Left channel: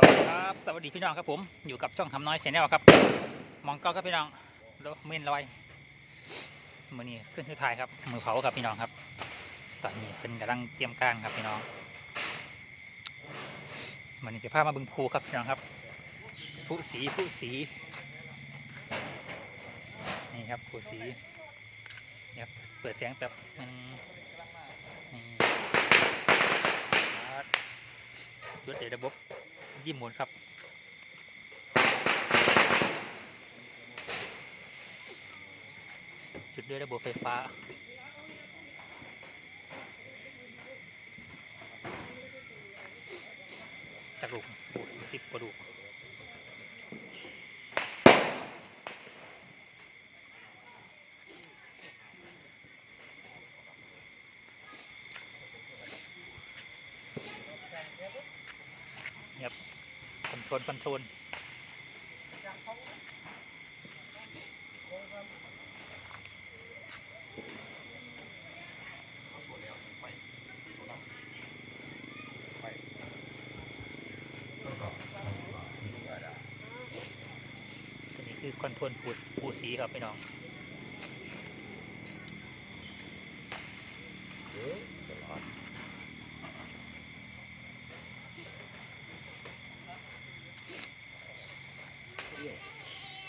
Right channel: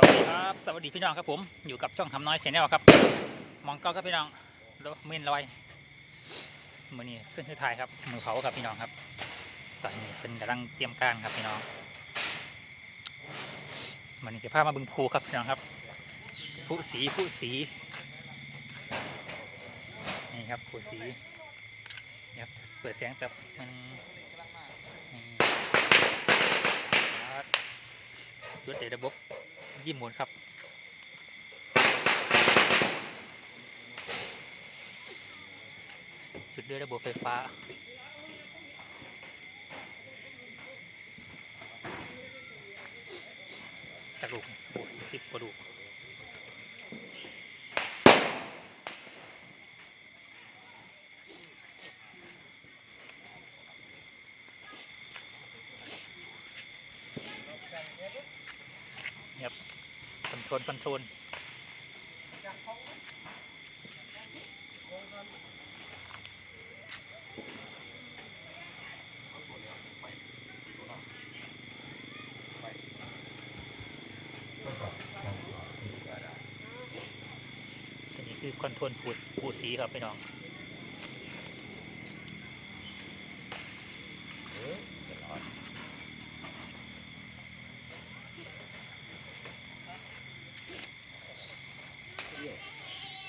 สวัสดีครับสวัสดีพี่น้องครับผมอยู่กับช่องทำน้อยแชนแนลครับมองเก้าครับพี่น้องเมนลอยมือนี้ขึ้นที่ถ่ายครับมือเผาครับพี่น้องครับตอนนี้เป็นกำลังเตรียมการครับพี่น้องมือนี้จะพามาบึงภูครับพี่น้องครับผู้สีนี่ครับผู้สีครับเปิดเสียงแบบมันจุดเดระบบยิ้มหมุนครับจุดด้วยระบบไฟฟ้าจากลูก10 กว่าลูกครับคอนโทรลตัวนี้คือคอนโทรลผูสีครับพี่น้อง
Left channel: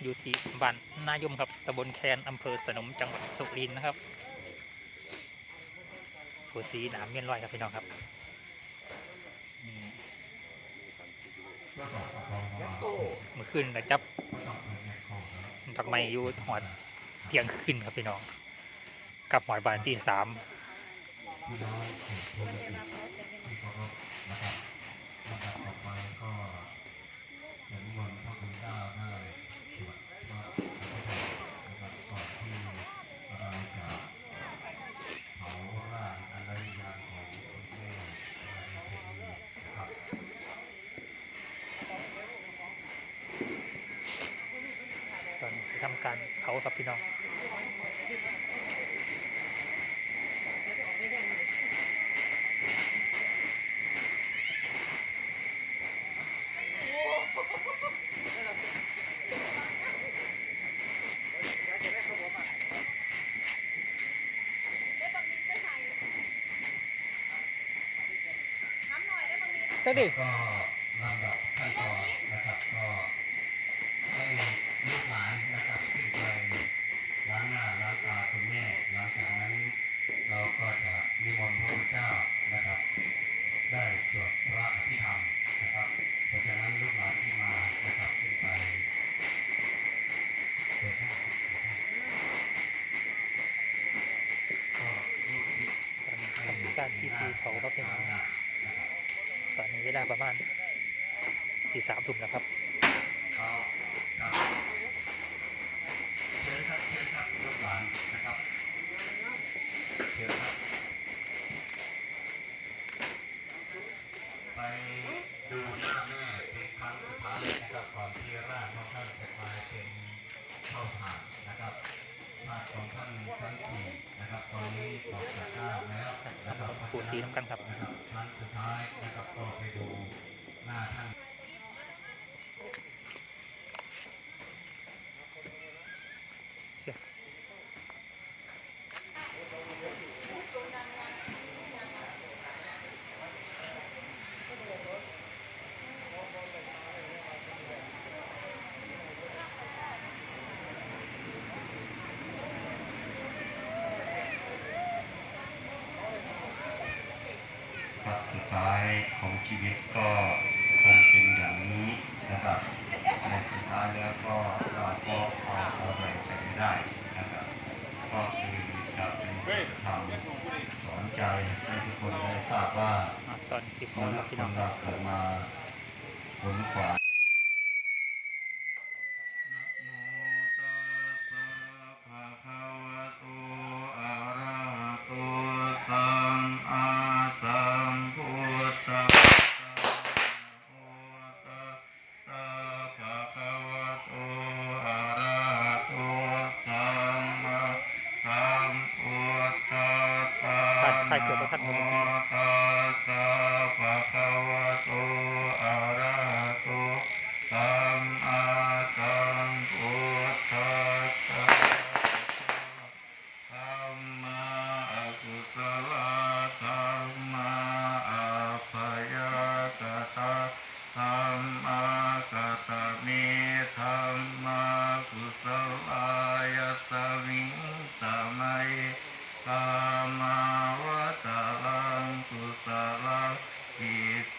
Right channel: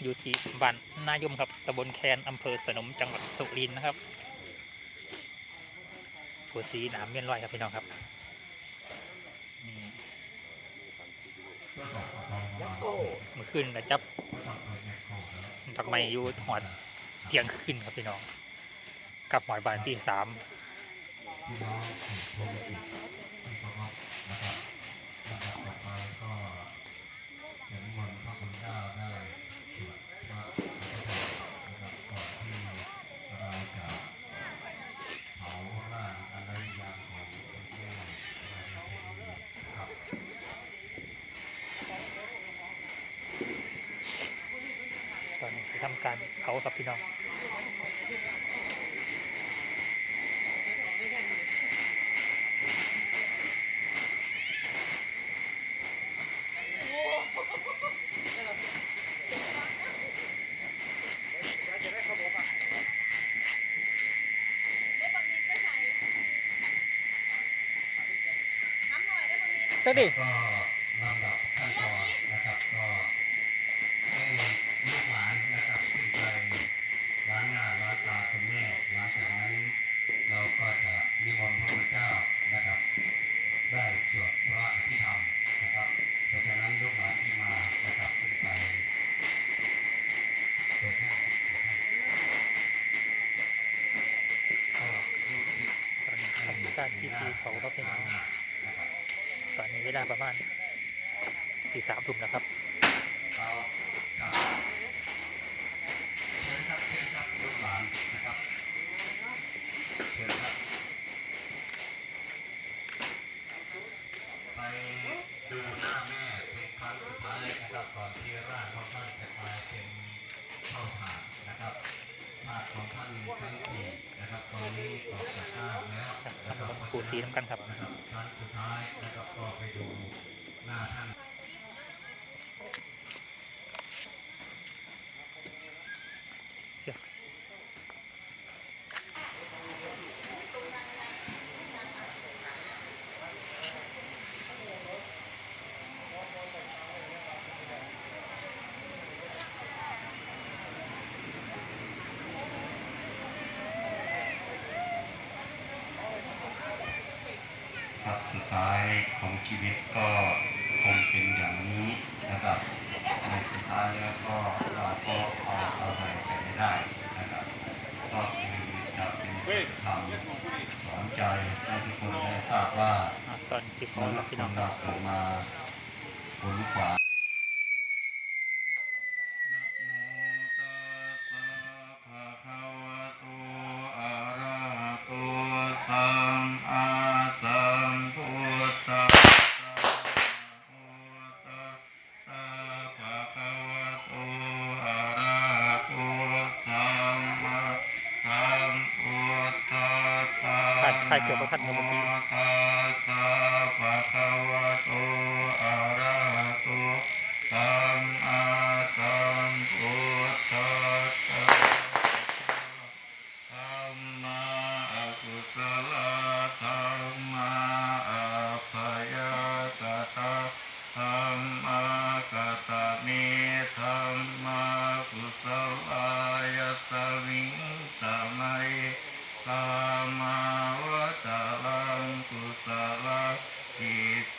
อยู่ที่บ้านนายมครับตำบลแคนอำเภอสนมจังหวัดสุรินทร์นะครับผูสีหนามเมียนลอยครับพี่น้องครับนี่เมื่อคืนก็จับดอกไม้อยู่หอดเที่ยงคืนครับพี่น้องกับหอยบานที่3ตอนนี้จะทำการเผาครับพี่น้องเจ้าดิก็ลำดับขั้นตอนนะครับก็ให้ลูกหลานนะครับขึ้นไปล้างหน้าล้างตาคุณแม่หลังจากนั้นเราก็จะนิมนต์พระพุทธเจ้านะครับได้สวดพระอภิธรรมนะครับเพราะฉะนั้นลูกหลานที่มานะครับขึ้นไปเปิดให้ตอนนี้ทำการพิธีเผาครับพี่น้องตอนนี้เวลาประมาณที่3 ทุ่มแล้วครับเชิญครับลูกหลานนะครับเชิญครับไปดูหน้าแม่เป็นครั้งสุดท้ายนะครับก่อนที่ร่างของท่านจะกลายเป็นข้าวสารนะครับธาตุของท่านทั้งสี่นะครับตอนนี้ออกจากร่างแล้วทำกับผูสีน้ำกันครับครั้งสุดท้ายนะครับก็ไปดูหน้าท่านสุดท้ายของชีวิตก็คงเป็นอย่างนี้นะครับในสุดท้ายแล้วก็เราก็เอาอะไรใส่ได้นะครับก็คือจะเป็นธรรมสอนใจให้ทุกคนได้ทราบว่าตอนที่เขาพี่น้องผมมาผลขวาถ่ายเกี่ยวกับท่านเมื่อกี้ ภะคะวะโตอะระหะโต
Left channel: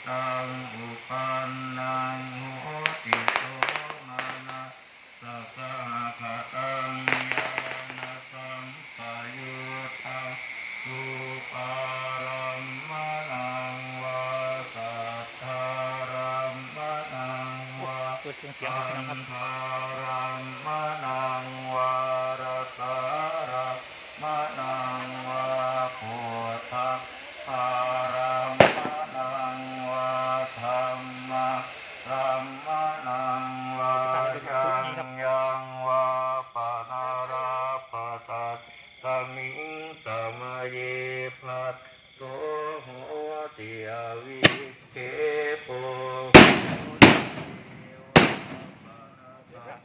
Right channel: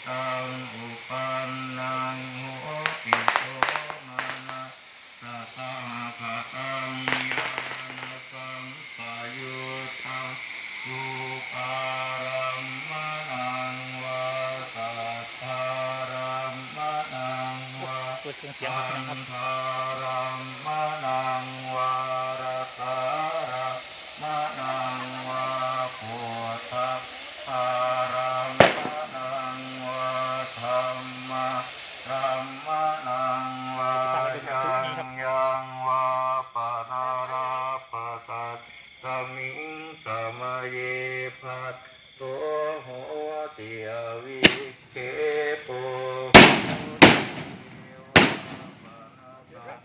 ตังอุปันนังโหติโสมานะสัทธาคตังญาณสัมปยุตตังอุปารัมมนังวาสัทธารัมมนังวา เปิดเครื่องเสียงครับพี่น้องครับ ทารัมมนังวารสารัมมนังวาปุถทารัมมนังวาธรรมะรัมมนังวายังวาปนาราปตัสสมิงสมะเยภัสโสโหติอวิเคโป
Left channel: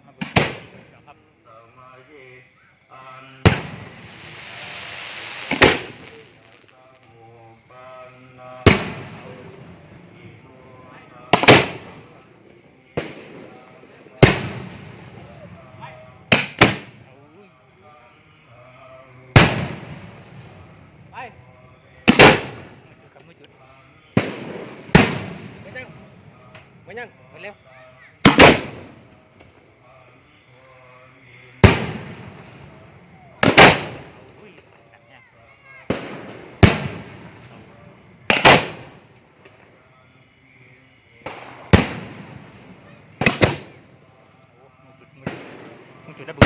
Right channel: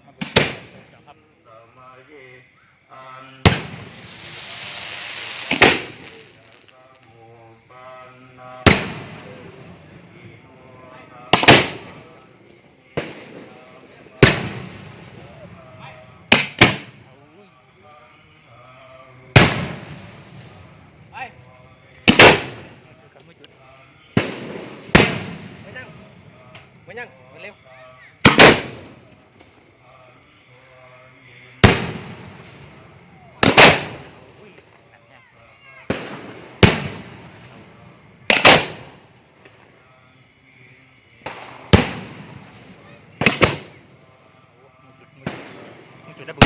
มาเปิดเครื่องเสียงครับ สมาธิอันโมปันนาอิโมนะ เอาอุ้ยไปไม่จุดครับไม่จุด ไม่ยังไม่ยังมาเร็ว เอาอุ้ยนั่นไงเอาโอ้ไม่จุดไม่จุดไม่จุดแล้วบุก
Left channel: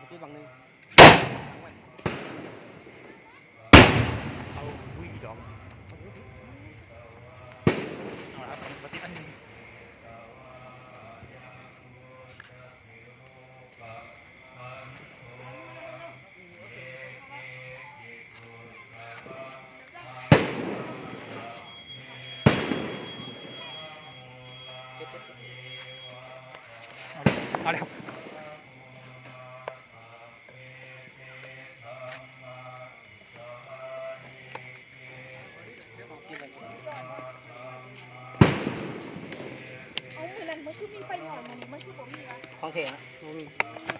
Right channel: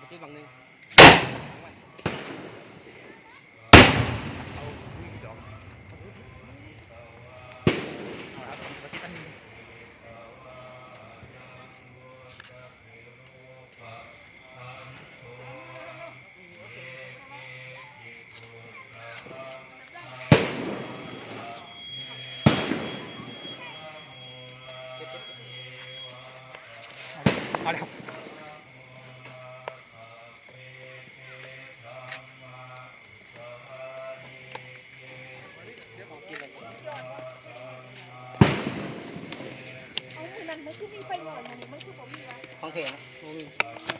มาจุดบังหนึ่ง เอาอุ้ยดอกเอาละครับปฏิอันนี้เอาเลยครับ กินอะไร เอามือนั้นมันคือมีไฟหน่อยมันคือผมมีวะ ของเถอะโอ้ย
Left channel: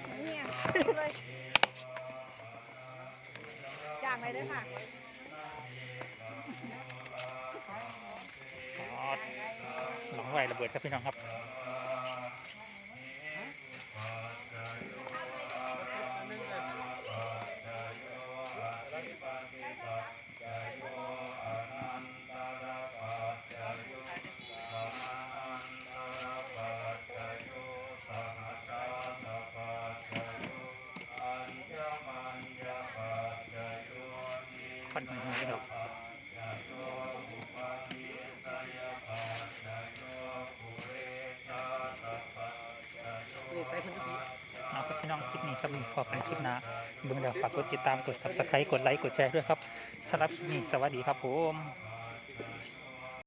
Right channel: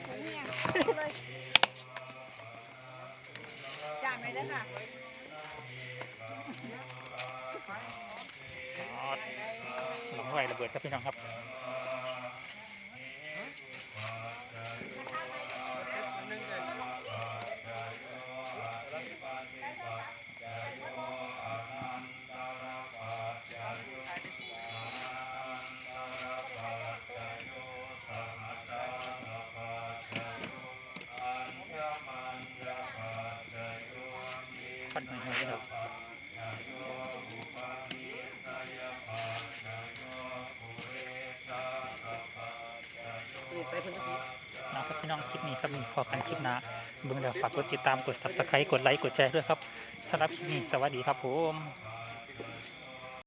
สูงเนี่ยเลยจานไหนเด้อค่ะ หลังไหวระเบิดครับพี่น้องครับควันหอยๆครับ นี่ใส่คนตะกี้ เอาครับพี่น้องคลิปนี้สำหรับพอกันคลิปหน้าเบิ่งแล้วฝากกดติดตามกด subscribe กดไลค์กดแชร์ด้วยครับสำหรับคลิปนี้สวัสดีครับผม